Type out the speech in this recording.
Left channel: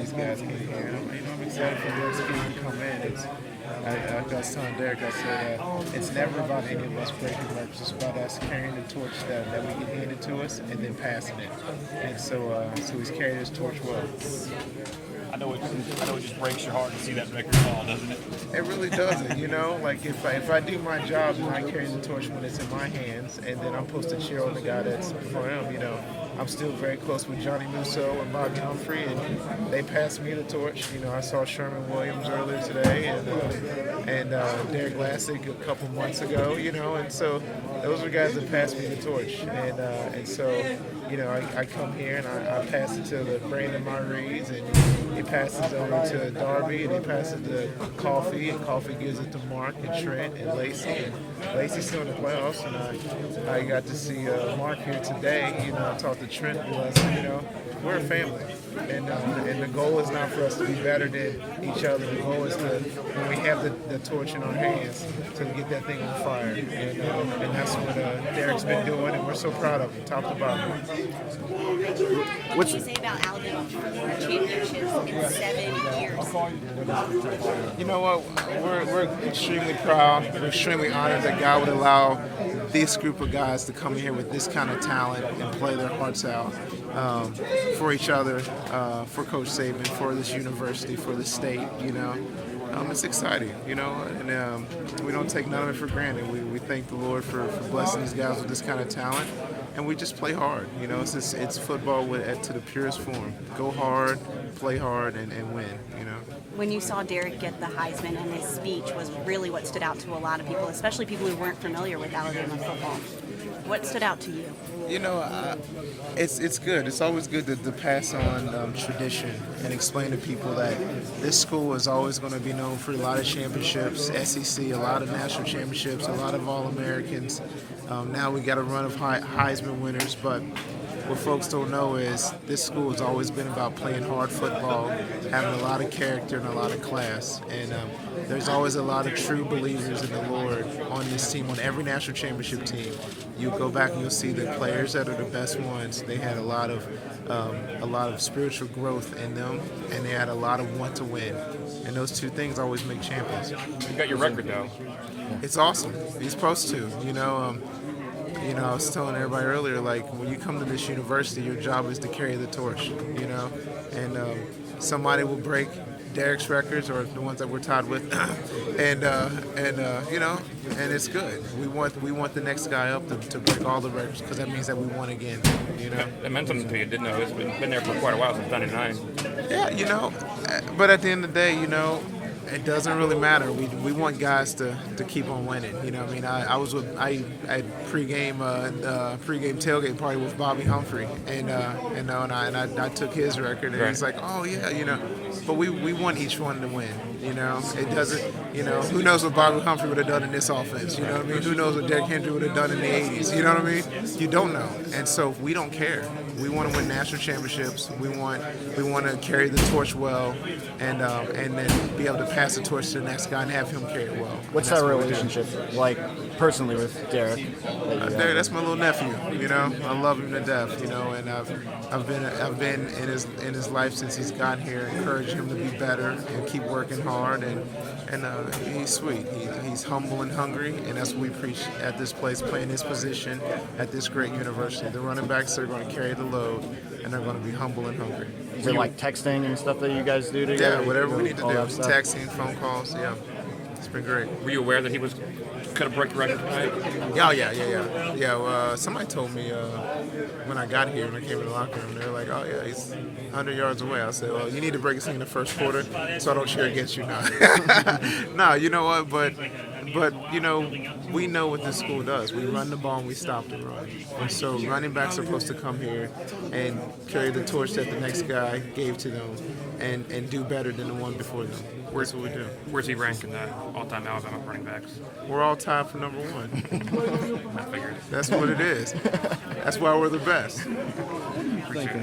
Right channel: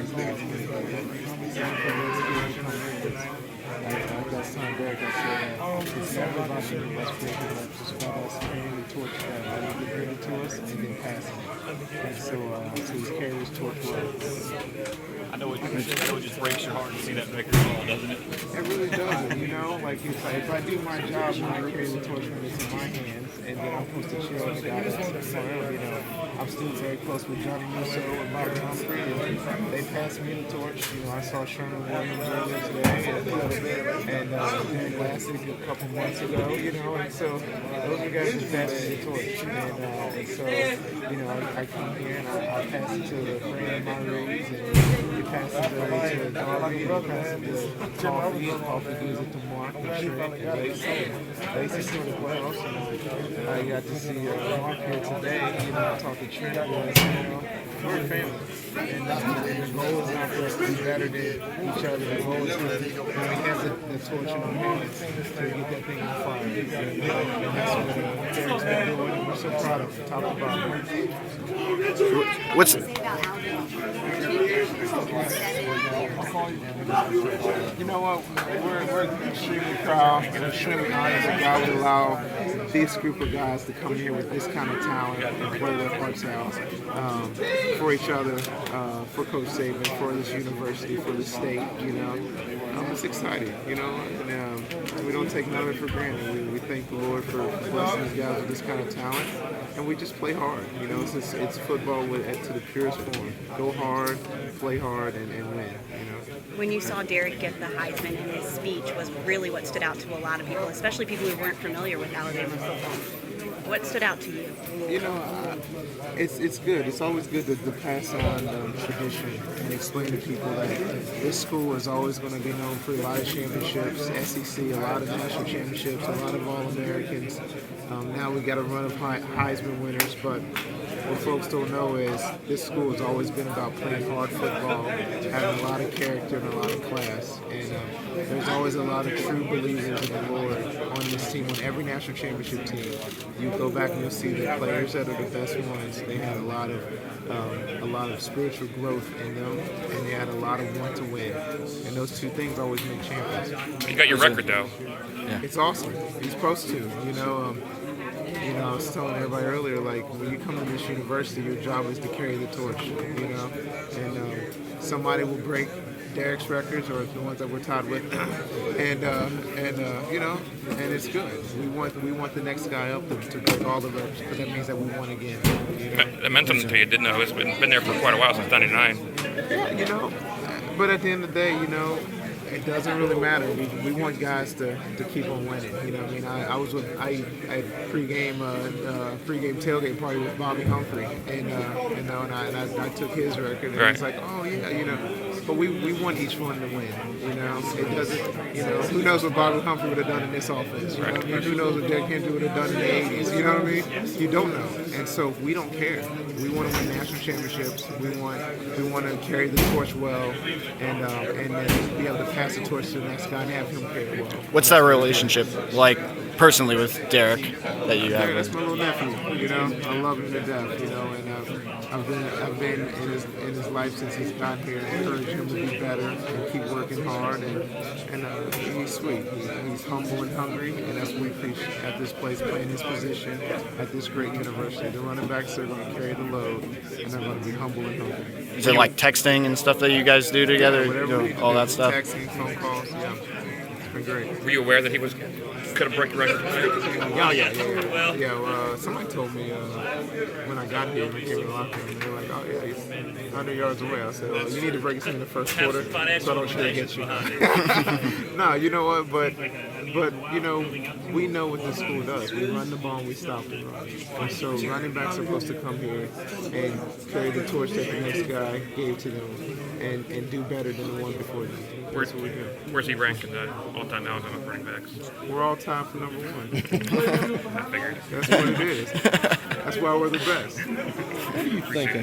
these guys come in. I was telling Derrick, I said, it's never about any of us breaking it up. It's just about us carrying the torch that we get handed to us and then passing it. And so he's carried his torch well. I know it just breaks your heart to see that victory fall, doesn't it? It really doesn't, you know. Like if I do my job and I carry the torch when it's in my hands, and then I'm supposed to cheer on the guy that's for him, you know. I'm still very close with Johnny Musso and Bobby Humphrey, and they passed me the torch. You know, I saw Sherman Williams earlier today, and Derek Lassick a couple months ago, you know, and so those are guys that passed me the torch. And so, you know, I come here and I pass it to the Brandon Marguerite, and he passes over to Darby, and he passes to Coffee, and Coffee gives it to Mark and Trent and Lacey. And Lacey's still in the playoffs, and I got to see Mark here today. You know, I talked to Trent, you know, we're a family. And the goal is not for us to be better than each other. The goal is to, when we have the torch in our hands, to get that thing on fire. And that's what Derrick's been doing, and we're so proud of him. Talk about it. What's Say about Alabama championships in 7 years? You know what? We're extremely proud and extremely honored that God would allow this group of guys to come here with this kind of talent and play their hearts out for each other, for Coach Saban, for this university, for the state. You know, it's exciting. You know, and we don't take none of it for granted. We thank the Lord for blessing these guys with this kind of talent, and we just play hard. You know, it's football to the purest form. Go hard, play hard, and win. You know. When you saw Derrick get the Heisman, and his speech was really what stood out to a lot of people, especially people who weren't familiar with Alabama football. What stood out to you? You know, it's good. It's always good to pass on tradition and explain to people that this school is always going to be known for a lot of championships, SEC, a lot of national championships, a lot of All-Americans. Now we got a run of Heisman winners, but what folks don't know is this school has always been about playing hard football, having a lot of character and a lot of class. And there's always a lot of true believers in the Lord on this team, on every national championship team. You go back and you'll see the players that are the best ones, they had a lot of spiritual growth in them, and they had a lot of want to win. And those two things always make champions. You got your record, though. Yeah. It's awesome. You're supposed to, you know. You know, I was telling everybody earlier, like, when you come to this university, your job is to carry the torch, you know, and somebody will break Derrick's records or the ones that we're tied with, and you know, and it's good. We want the next guy up to break all the records, because that means that we won again. You know? That meant something to you, didn't know. It's been there for quite a while, since '99. Yeah, you know, but at the end of the day, you know, it doesn't really matter. We want guys to keep on winning. You know, I mean, I pregame tailgate party with Bobby Humphrey, and I took his record, and He's like, oh yeah, you know. But we want each one to win. You know, it doesn't. You know, who knows what Bobby Humphrey would have done in this offense? You know what I mean? Who knows what Derrick Henry would have done in the '80s? You know what I mean? You don't know, and so we don't care. We want to win national championships. We want to carry the torch well, and then be able to pass the torch to the next guy and have him carry it well. What's that relationship like personally with Derrick that you have? Derrick, that's my little nephew. You know, I love him to death. You know, and I've been in his life since he's gotten here, encouraged him to be better and keep working hard, and he's sweet. He's humble and hungry, and that's what we preach at this place, playing his position at this great university. The running backs are going to carry the load, and they're going to be humble and hungry. Is it like texting and stuff that you guys do together? Yeah, whatever we do, all that stuff. Texting, phone calls, yeah. It's been great. Were you aware that he could have broke the record? Yeah. Somebody told me when I got here, when I came to the locker room, they were like, "Oh yeah, he's 100 yards away." I said, "Well, you need to break this in the first quarter, so I don't cheer against you." No, you know what? But you know, we know what this school does. We run the ball and we stop the run. And so running backs are supposed to come here and carry the torch that the next guy gave to them, and do better than the one before them. That's what we do. Where's he ranked in that all-time Alabama running backs? We're all tied for number one. I figured. That's what it is. That's why we're the best. Thank you.